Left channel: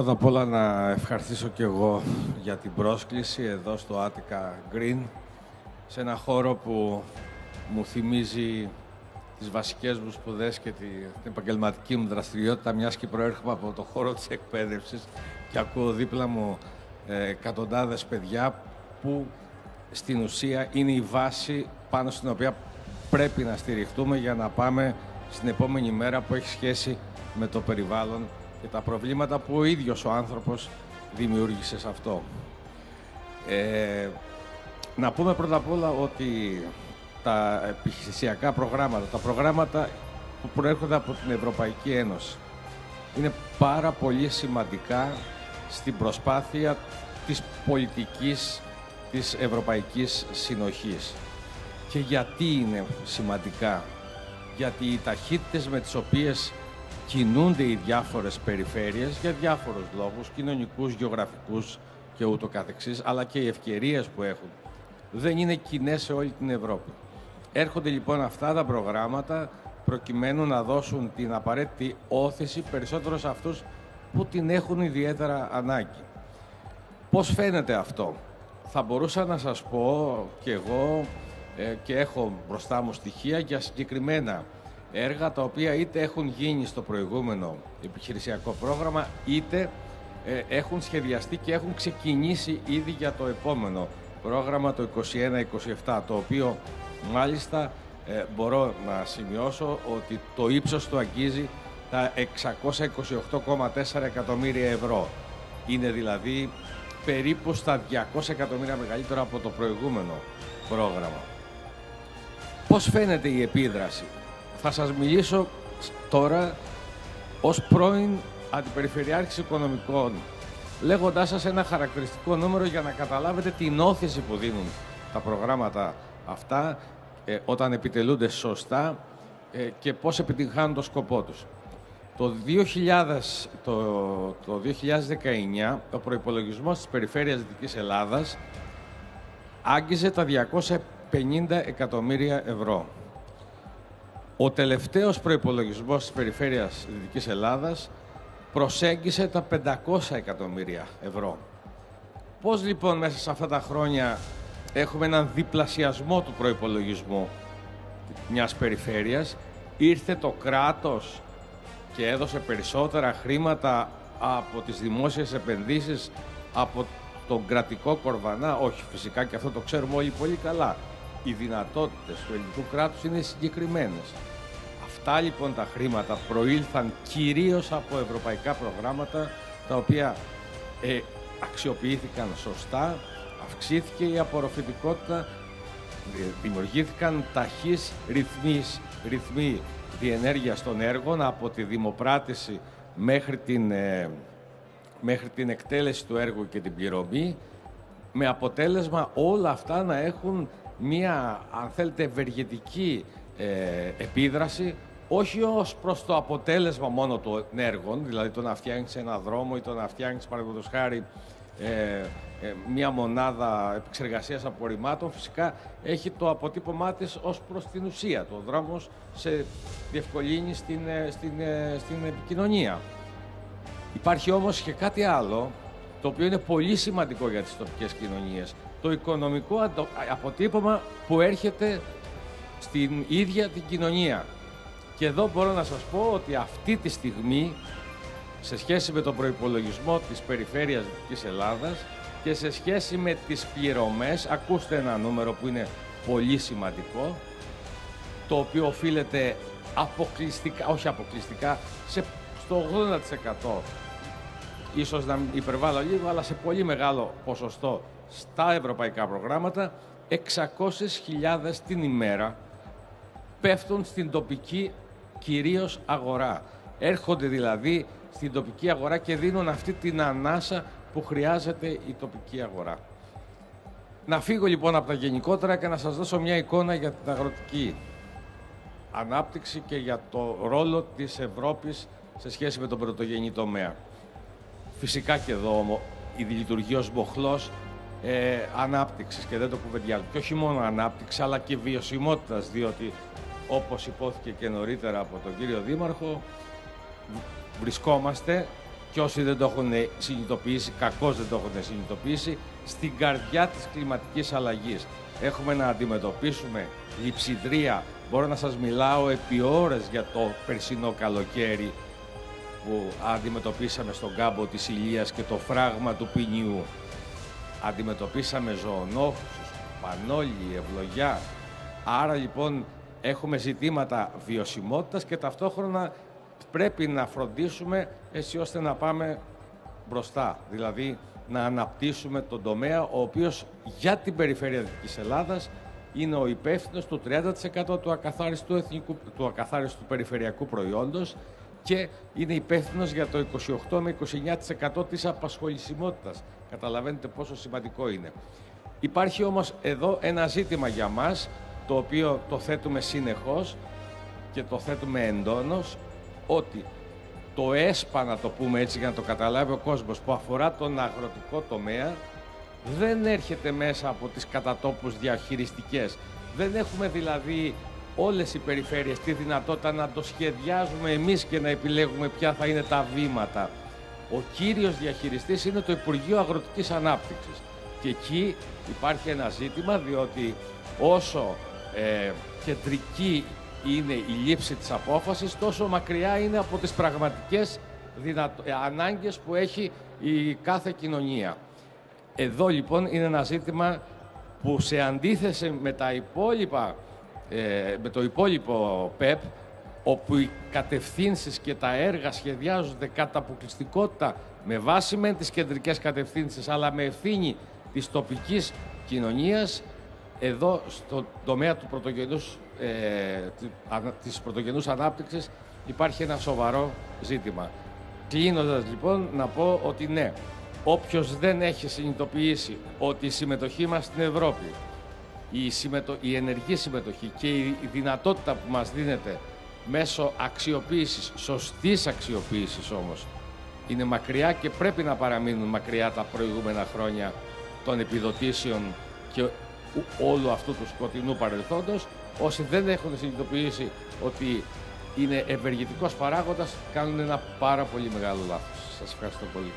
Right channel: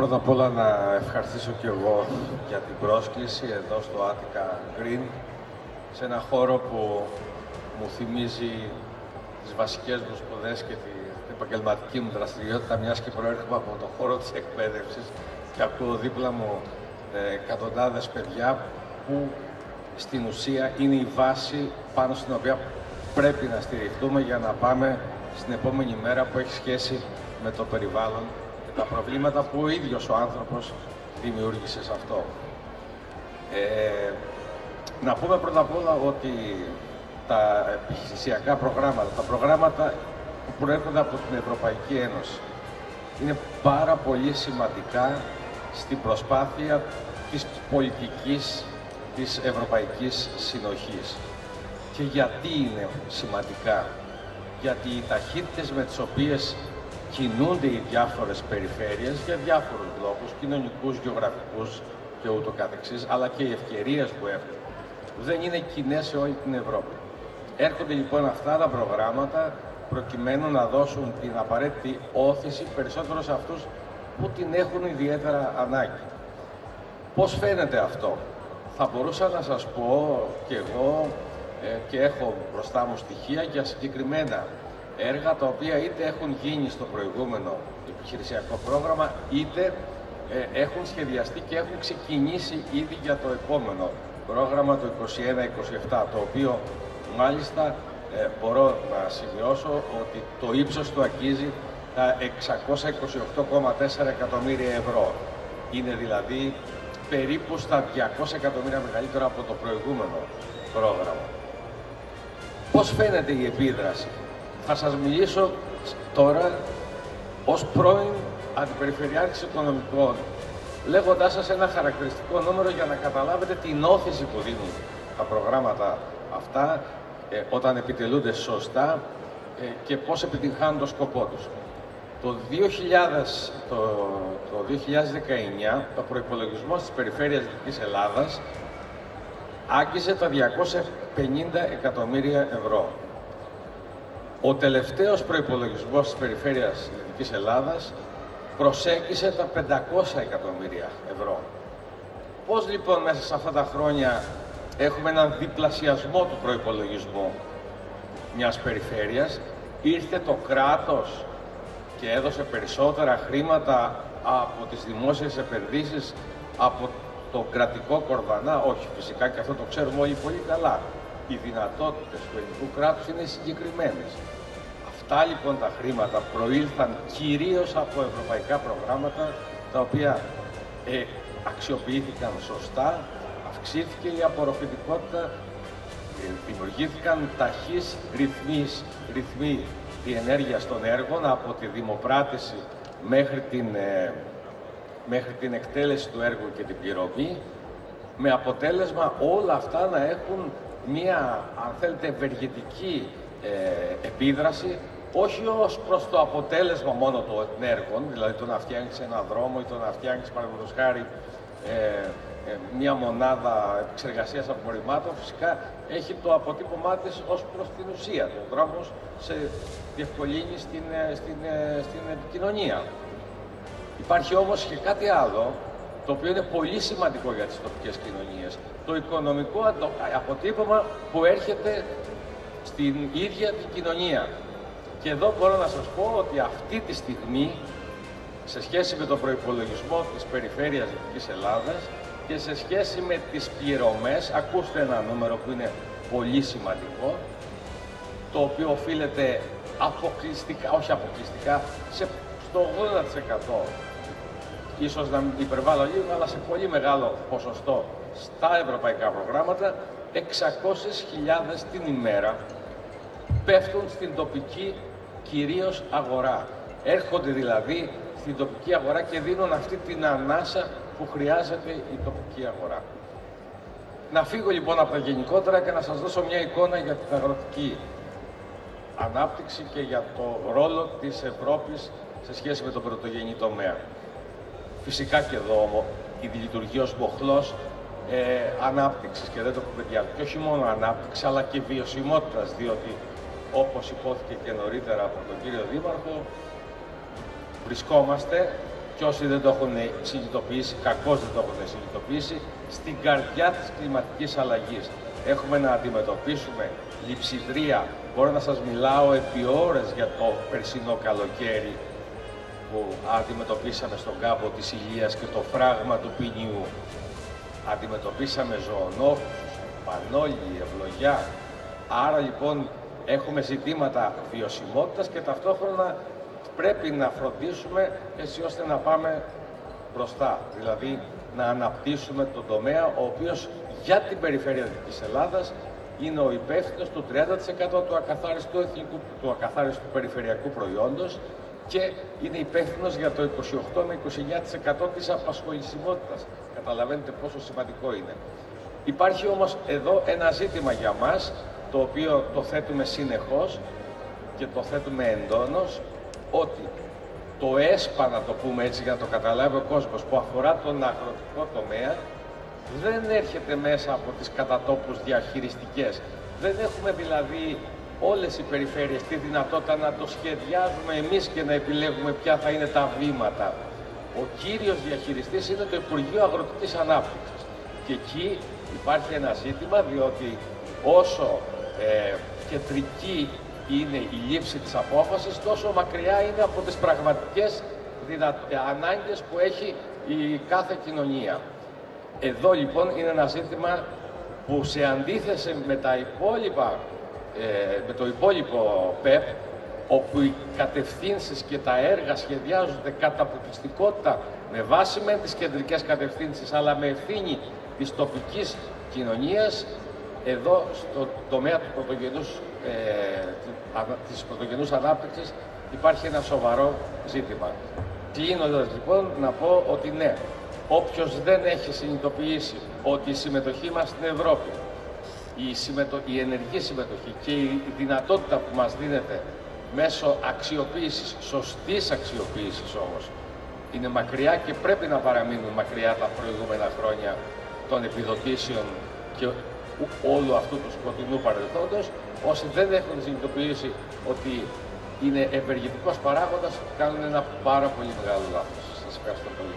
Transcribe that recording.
πρώτα απ' όλα να ευχαριστήσω και εγώ για την πρόσκληση εδώ στο Attica Green, σε ένα χώρο που μου θυμίζει τις βασικές μου σπουδές και την επαγγελματική μου δραστηριότητα, μιας και προέρχομαι από το χώρο της εκπαίδευσης και ακούω δίπλα μου εκατοντάδες παιδιά που στην ουσία είναι η βάση πάνω στην οποία πρέπει να στηριχτούμε για να πάμε στην επόμενη μέρα που έχει σχέση με το περιβάλλον και τα προβλήματα που ο ίδιος ο άνθρωπος δημιούργησε σε αυτό. Να πούμε πρώτα απ' όλα ότι τα επιχειρησιακά προγράμματα, τα προγράμματα που προέρχονται από την Ευρωπαϊκή Ένωση, είναι πάρα πολύ σημαντικά στην προσπάθεια της πολιτικής της Ευρωπαϊκής Συνοχής. Και γιατί είναι σημαντικά? Γιατί οι ταχύτητες με τις οποίες κινούνται οι διάφορες περιφέρειες για διάφορους λόγους, κοινωνικούς, γεωγραφικούς και ούτω καθεξής, αλλά και οι ευκαιρίες που έχουν, δεν είναι κοινές σε όλη την Ευρώπη. Έρχονται λοιπόν αυτά τα προγράμματα προκειμένου να δώσουν την απαραίτητη όθηση περισσότερο σε αυτούς που την έχουν ιδιαίτερα ανάγκη. Πώς φαίνεται αυτό? Θα μπορούσα να σας πω και εγώ και έχω μπροστά μου στοιχεία για συγκεκριμένα έργα τα οποία είτε έχουν γίνει στο προηγούμενο επιχειρησιακό πρόγραμμα, είτε έχουν σχεδιαστεί και έχουν ξεκινήσει ήδη για το επόμενο πρόγραμμα, το 21-27, το οποίο μάλιστα μπορώ να σημειώσω ότι το ύψος του αγγίζει τα 628,4 εκατομμύρια ευρώ. Είναι δηλαδή περίπου στα 200 εκατομμύρια μεγαλύτερο από το προηγούμενο πρόγραμμα. Πώς φαίνεται η επίδραση? Θα σας μιλήσω τώρα ως πρώην Αντιπεριφερειάρχης Οικονομικών, λέγοντάς σας ένα χαρακτηριστικό νούμερο για να καταλάβετε την όθηση που δίνουν τα προγράμματα αυτά όταν επιτελούνται σωστά και πώς επιτυγχάνουν το σκοπό τους. Το 2019, το προϋπολογισμός της Περιφέρειας Δυτικής Ελλάδας άγγιζε τα 250 εκατομμύρια ευρώ. Ο τελευταίος προϋπολογισμός της Περιφέρειας Δυτικής Ελλάδας προσέγγισε τα 500 εκατομμύρια ευρώ. Πώς λοιπόν μέσα σε αυτά τα χρόνια έχουμε έναν διπλασιασμό του προϋπολογισμού μιας περιφέρειας? Ήρθε το κράτος και έδωσε περισσότερα χρήματα από τις δημόσιες επενδύσεις, από τον κρατικό κορβανά? Όχι, φυσικά, και αυτό το ξέρουμε όλοι πολύ καλά. Οι δυνατότητες του ελληνικού κράτους είναι συγκεκριμένες. Αυτά λοιπόν τα χρήματα προήλθαν κυρίως από ευρωπαϊκά προγράμματα, τα οποία αξιοποιήθηκαν σωστά, αυξήθηκε η απορροφητικότητα, δημιουργήθηκαν ταχύς ρυθμοί διενέργειας των έργων από τη δημοπράτηση μέχρι την εκτέλεση του έργου και την πληρωμή, με αποτέλεσμα όλα αυτά να έχουν μία, αν θέλετε, ευεργετική επίδραση, όχι ως προς το αποτέλεσμα μόνο των έργων, δηλαδή το να φτιάχνεις ένα δρόμο ή το να φτιάχνεις, παραδείγματος χάρη, μία μονάδα εξεργασίας απορριμμάτων. Φυσικά έχει το αποτύπωμά της ως προς την ουσία. Ο δρόμος σε διευκολύνει στην επικοινωνία. Υπάρχει όμως και κάτι άλλο, το οποίο είναι πολύ σημαντικό για τις τοπικές κοινωνίες. Το οικονομικό αποτύπωμα που έρχεται στην ίδια την κοινωνία. Και εδώ μπορώ να σας πω ότι αυτή τη στιγμή, σε σχέση με τον προϋπολογισμό της Περιφέρειας της Ελλάδας και σε σχέση με τις πληρωμές, ακούστε ένα νούμερο που είναι πολύ σημαντικό, το οποίο οφείλεται αποκλειστικά, όχι αποκλειστικά, στο 80%, ίσως να υπερβάλλω λίγο, αλλά σε πολύ μεγάλο ποσοστό στα ευρωπαϊκά προγράμματα, 600.000 την ημέρα πέφτουν στην τοπική κυρίως αγορά. Έρχονται δηλαδή στην τοπική αγορά και δίνουν αυτή την ανάσα που χρειάζεται η τοπική αγορά. Να φύγω λοιπόν από τα γενικότερα και να σας δώσω μια εικόνα για την αγροτική ανάπτυξη και για το ρόλο της Ευρώπης σε σχέση με τον πρωτογενή τομέα. Φυσικά και εδώ η λειτουργεί ως μοχλός ανάπτυξης, και δεν το πω παιδιά, και όχι μόνο ανάπτυξη αλλά και βιωσιμότητας, διότι όπως σηκώθηκε και νωρίτερα από τον κύριο Δήμαρχο, βρισκόμαστε και όσοι δεν το έχουν συνειδητοποιήσει, κακώς δεν το έχουν συνειδητοποιήσει, στην καρδιά της κλιματικής αλλαγής. Έχουμε να αντιμετωπίσουμε λειψιδρία. Μπορώ να σας μιλάω επί ώρες για το περσινό καλοκαίρι που αντιμετωπίσαμε στον κάμπο της Ηλίας και το φράγμα του ποινιού. Αντιμετωπίσαμε ζωονόφους, πανόλη, ευλογιά. Άρα λοιπόν έχουμε ζητήματα βιωσιμότητας και ταυτόχρονα πρέπει να φροντίσουμε έτσι ώστε να πάμε μπροστά. Δηλαδή να αναπτύσσουμε τον τομέα ο οποίος για την περιφέρεια της Ελλάδας είναι ο υπεύθυνος του 30% του ακαθάριστου περιφερειακού προϊόντος και είναι υπεύθυνος για το 28 με 29% της απασχολησιμότητας. Καταλαβαίνετε πόσο σημαντικό είναι. Υπάρχει όμως εδώ ένα ζήτημα για μας, το οποίο το θέτουμε συνεχώς και το θέτουμε εντόνως, ότι το ΕΣΠΑ, να το πούμε έτσι για να το καταλάβει ο κόσμος, που αφορά τον αγροτικό τομέα, δεν έρχεται μέσα από τις κατατόπους διαχειριστικές. Δεν έχουμε δηλαδή όλες οι περιφέρειες τη δυνατότητα να το σχεδιάζουμε εμείς και να επιλέγουμε ποια θα είναι τα βήματα. Ο κύριος διαχειριστής είναι το Υπουργείο Αγροτικής Ανάπτυξης. Και εκεί υπάρχει ένα ζήτημα, διότι όσο κεντρική είναι η λήψη της απόφασης, τόσο μακριά είναι από τις πραγματικές ανάγκες που έχει η κάθε κοινωνία. Εδώ λοιπόν είναι ένα ζήτημα που σε αντίθεση με τα υπόλοιπα, με το υπόλοιπο ΠΕΠ, όπου οι κατευθύνσεις και τα έργα σχεδιάζονται κατά αποκλειστικότητα με βάση με τις κεντρικές κατευθύνσεις, αλλά με ευθύνη της τοπικής κοινωνίας, εδώ στο τομέα του της πρωτογενούς ανάπτυξης υπάρχει ένα σοβαρό ζήτημα. Κλείνοντας λοιπόν να πω ότι ναι, όποιος δεν έχει συνειδητοποιήσει ότι η συμμετοχή μας στην Ευρώπη, η ενεργή συμμετοχή και η δυνατότητα που μας δίνεται μέσω αξιοποίησης, σωστής αξιοποίησης όμως, είναι μακριά και πρέπει να παραμείνουν μακριά τα προηγούμενα χρόνια των επιδοτήσεων και όλου αυτού του σκοτεινού παρελθόντος. Όσοι δεν έχουν συνειδητοποιήσει ότι είναι ευεργετικός παράγοντας, κάνουν ένα πάρα πολύ μεγάλο λάθος. Σας ευχαριστώ πολύ.